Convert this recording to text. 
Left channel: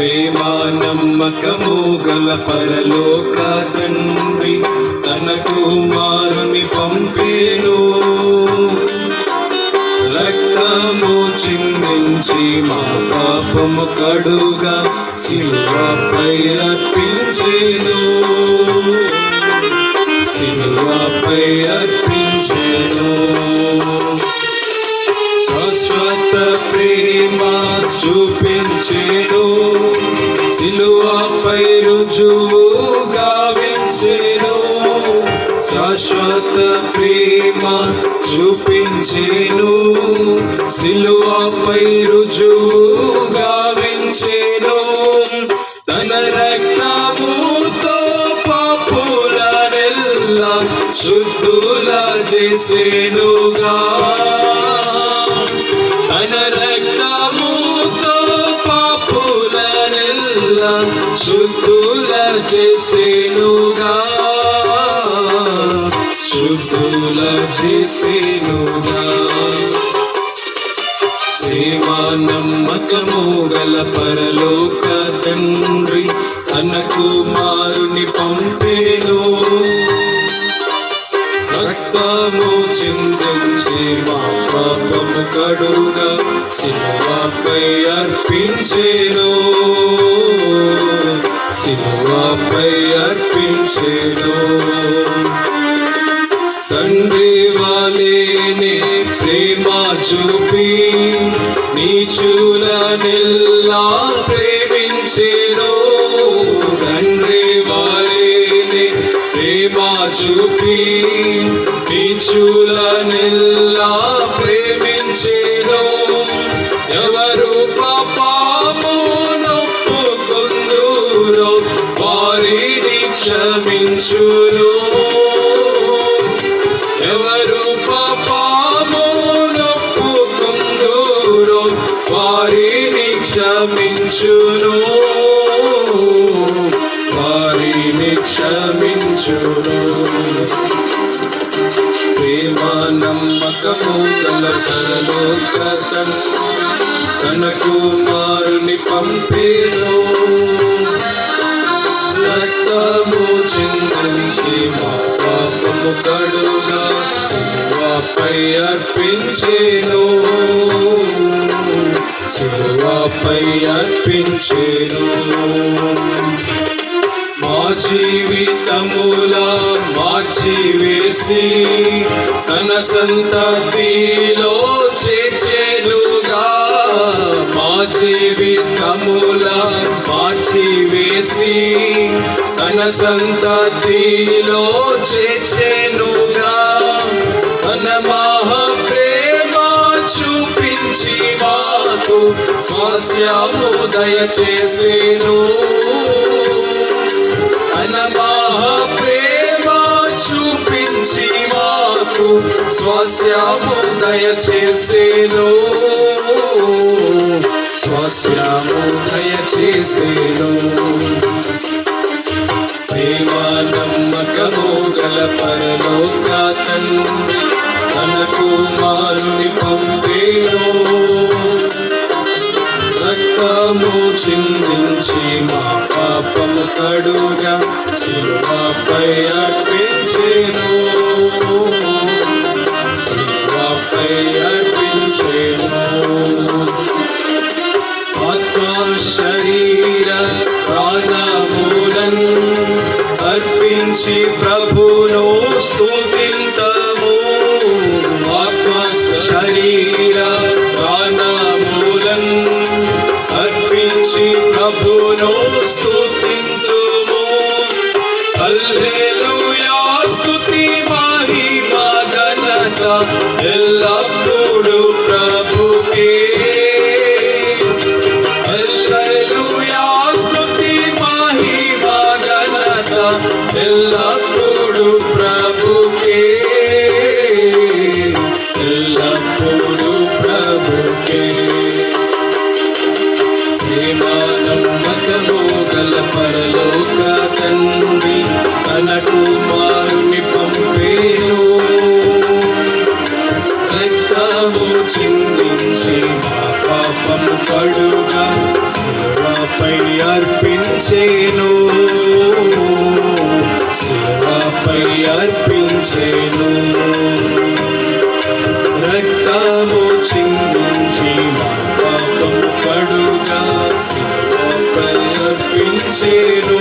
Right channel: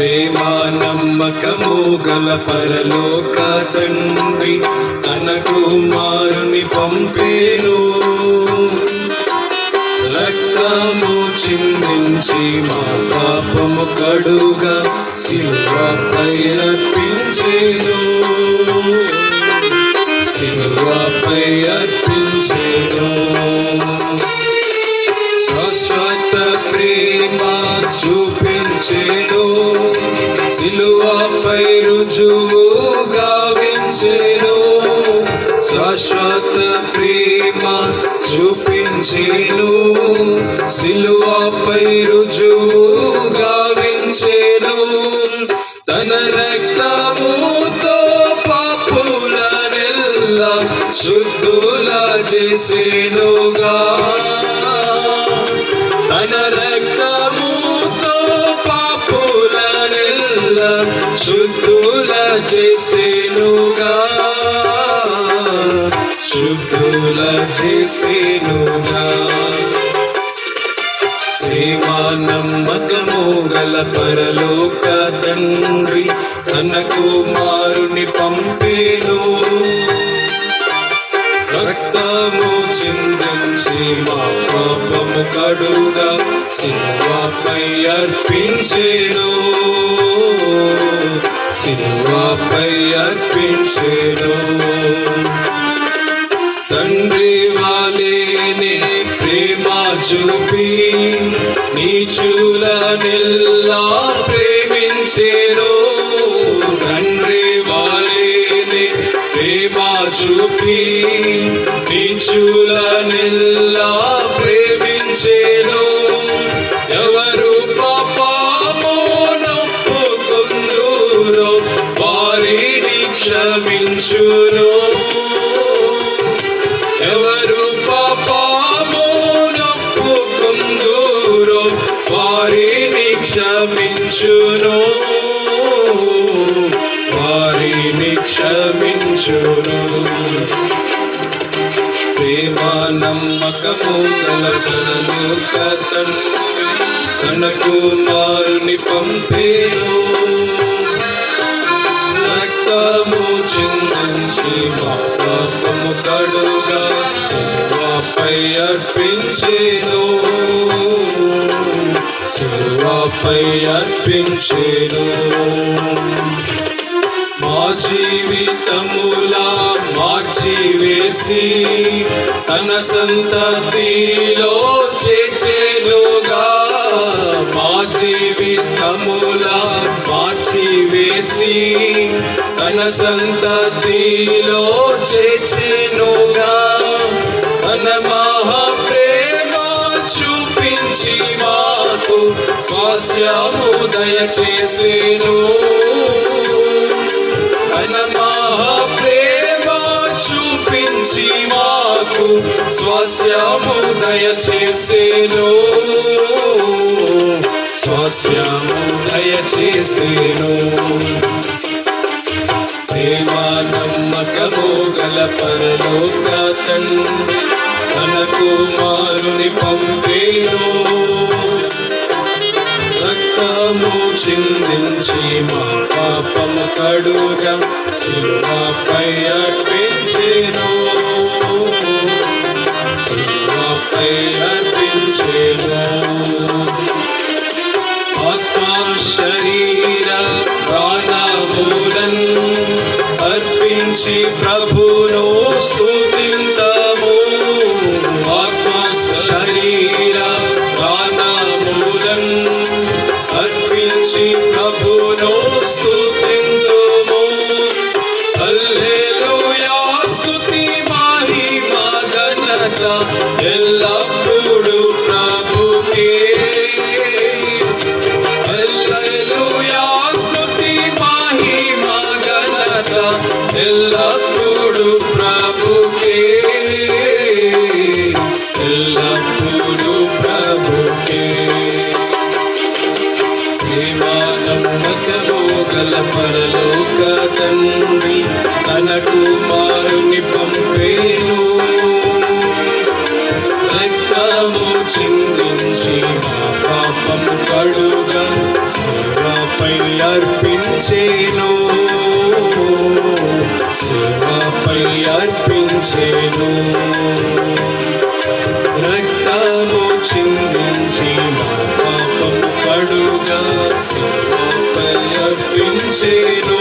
ప్రేమ నమ్మకము గల పరలోక తండ్రి తన కుమారుని పంపేను. రక్తము చిందించి మా పాపము కడుగా సిలువపై అర్పించేను. సిలువపై అర్పించేను. శాశ్వత ప్రేమ చూపించేను. సిలువపై రుజువు గావించేను. శాశ్వత ప్రేమ చూపించేను. సిలువపై రుజువు గావించేను. తన రక్తముతో పాపులనెల్లా శుద్ధుల చేసేనుగా. తన రక్తముతో పాపులనెల్లా శుద్ధుల చేసేనుగా. శుద్ధుల చేసేనుగా. ప్రేమ నమ్మకము గల పరలోక తండ్రి తన కుమారుని పంపేను. రక్తము చిందించి మా పాపము కడుగా సిలువపై అర్పించేను. సిలువపై అర్పించేను. తండ్రి వాలేనే ప్రేమ చూపి నీచులనెల్లా ప్రేమించేను. తండ్రి వాలేనే ప్రేమ చూపి నీచులనెల్లా ప్రేమించేను. ఎవరు పాపము నొప్పుకుందురో వారిని క్షమించును. ఎవరు పాపము నొప్పుకుందురో వారిని క్షమించును. వారిని క్షమించును. ప్రేమ నమ్మకము గల పరలోక తండ్రి తన కుమారుని పంపేను. రక్తము చిందించి మా పాపము కడుగా సిలువపై అర్పించేను. సిలువపై అర్పించేను. మా జీవితములా మార్చివేసి తన సంతతిలో చేర్చెనుగా. మా జీవితములా మార్చివేసి తన సంతతిలో చేర్చెనుగా. తన మహాప్రేమ చూపించి మాకు స్వాస్యము దయచేసెను. తన మహాప్రేమ చూపించి మాకు స్వాస్యము దయచేసెను. స్వాస్యము దయచేసెను. ప్రేమ నమ్మకము గల పరలోక తండ్రి తన కుమారుని పంపేను. రక్తము చిందించి మా పాపము కడుగా సిలువపై అర్పించేను. సిలువపై అర్పించేను. ఆత్మ శరీర ప్రాణములను అర్పించి ప్రభును స్తుతింతము. ఆత్మ శరీర ప్రాణములను అర్పించి ప్రభును స్తుతింతుము. హల్లెలూయా స్తుతి మహిమ ఘనత ఎల్లప్పుడూ ప్రభుకే. హల్లెలూయా స్తుతి మహిమ ఘనత ఎల్లప్పుడూ ప్రభుకే. ఎల్లప్పుడూ ప్రభుకే. ప్రేమ నమ్మకము గల పరలోక తండ్రి తన కుమారుని పంపేను. రక్తము చిందించి మా పాపము కడుగా సిలువ శిలపై అర్పించేను, శిలపై అర్పించేను. రక్తము చిందించి మా పాపము కడుగా శిలపై అర్పించేను,